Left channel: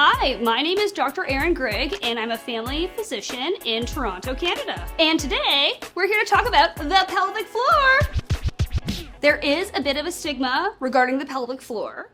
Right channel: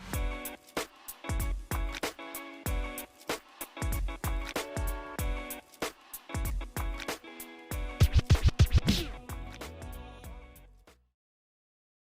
Hi, my name is Dr. Aaren Grigg, and I'm a family physician in Toronto, Canada. And today, we're here to talk about the pelvic floor. There is a bit of a stigma regarding the pelvic floor,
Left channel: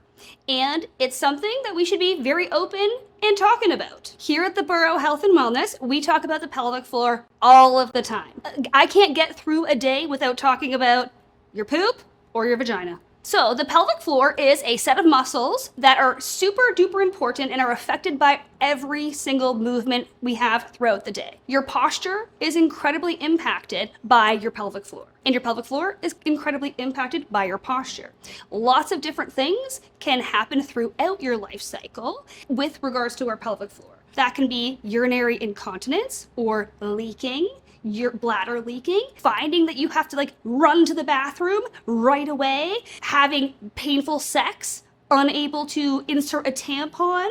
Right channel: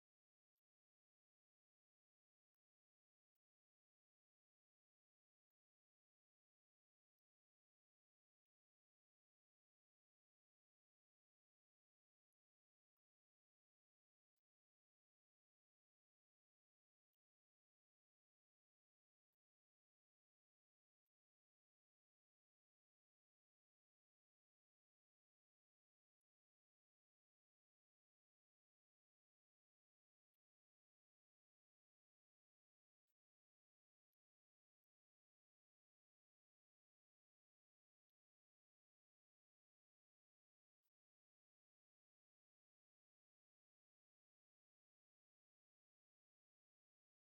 and it's something that we should be very open and talking about. Here at the Borough Health and Wellness, we talk about the pelvic floor all of the time. I can't get through a day without talking about your poop or your vagina. So the pelvic floor is a set of muscles that are super duper important and are affected by every single movement we have throughout the day. Your posture is incredibly impacted by your pelvic floor, and your pelvic floor is incredibly impacted by your posture. Lots of different things can happen throughout your life cycle with regards to our pelvic floor. That can be urinary incontinence or leaking, your bladder leaking, finding that you have to run to the bathroom right away, having painful sex, unable to insert a tampon,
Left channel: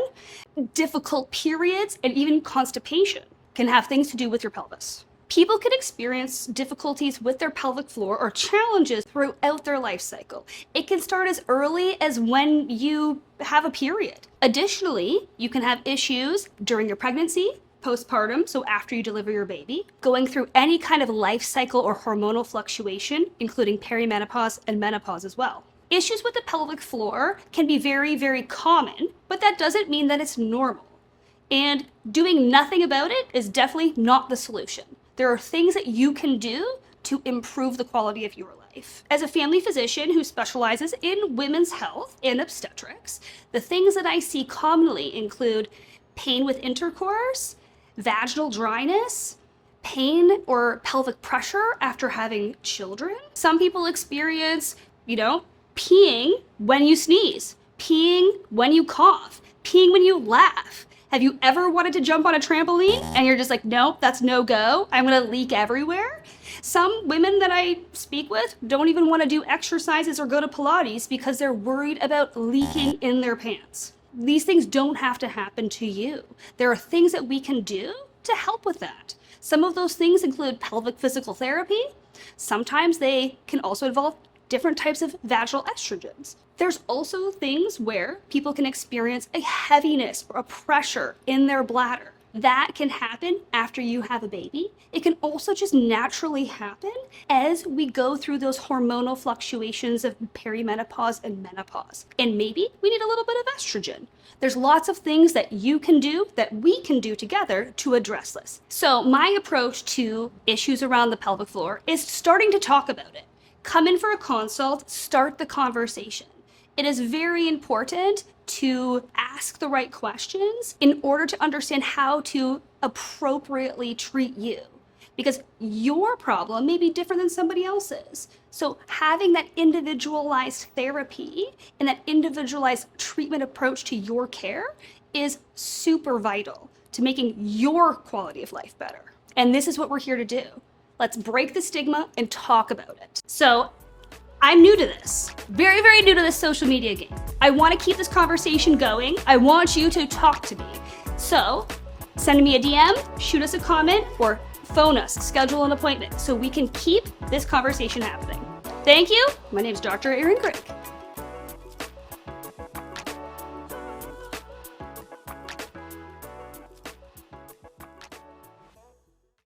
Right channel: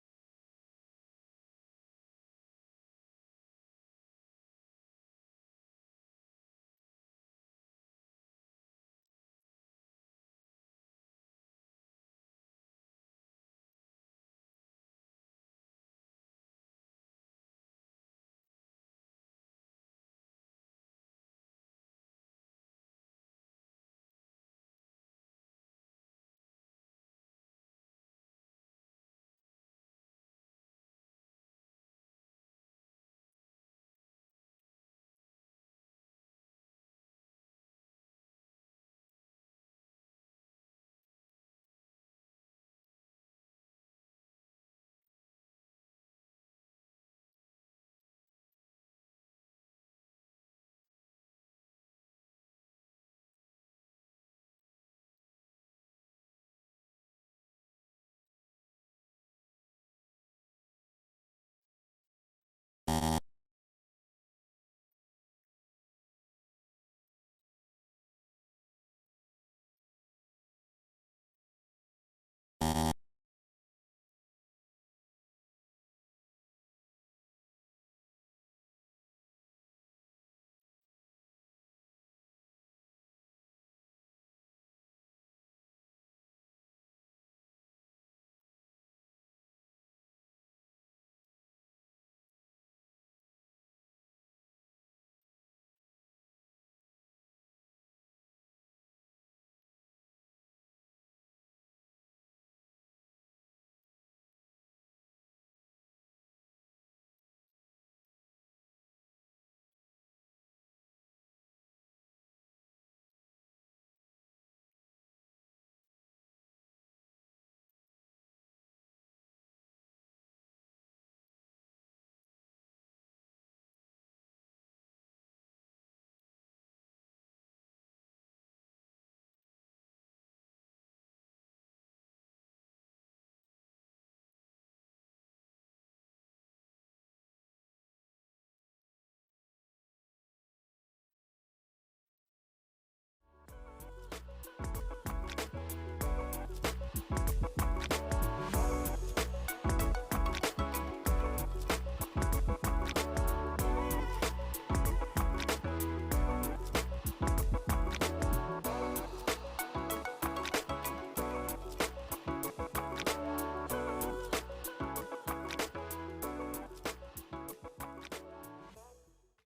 difficult periods, and even constipation can have things to do with your pelvis. People can experience difficulties with their pelvic floor or challenges throughout their life cycle. It can start as early as when you have a period. Additionally, you can have issues during your pregnancy, postpartum, so after you deliver your baby, going through any kind of life cycle or hormonal fluctuation, including perimenopause and menopause as well. Issues with the pelvic floor can be very, very common, but that doesn't mean that it's normal. And doing nothing about it is definitely not the solution. There are things that you can do to improve the quality of your life. As a family physician who specializes in women's health and obstetrics, the things that I see commonly include pain with intercourse, vaginal dryness, pain or pelvic pressure after having children. Some people experience, peeing when you sneeze, peeing when you cough, peeing when you laugh. Have you ever wanted to jump on a trampoline and you're just like, nope, that's no go. I'm gonna leak everywhere. Some women that I speak with don't even want to do exercises or go to Pilates because they're worried about leaking in their pants. These things don't have to happen to you. There are things that we can do to help with that. Some of those things include pelvic physical therapy. Sometimes they can also involve different types of vaginal estrogens. There's also things where people can experience a heaviness or a pressure in their bladder. That can happen after you have a baby. It can also just naturally happen as we go through those hormonal fluctuations of perimenopause and menopause. And maybe we need a little bit of estrogen. There's lots of things that you can do, that we can do together to address this. So my approach to issues around the pelvic floor is starting to talk about it. Come in for a consult, start the conversation. It is very important to ask the right questions in order to understand how to appropriately treat you, because your problem may be different than somebody else's. So having that individualized therapy and that individualized treatment approach to your care is super vital to making your quality of life better. And this is what we're here to do. Let's break the stigma and talk about it. So I'm new to this, very, very new to this social media game. I want to keep this conversation going. I want you to talk to me. So send me a DM, shoot us a comment, or phone us, schedule an appointment so we can keep this conversation happening. Thank you. My name is Dr. Aaren Grigg.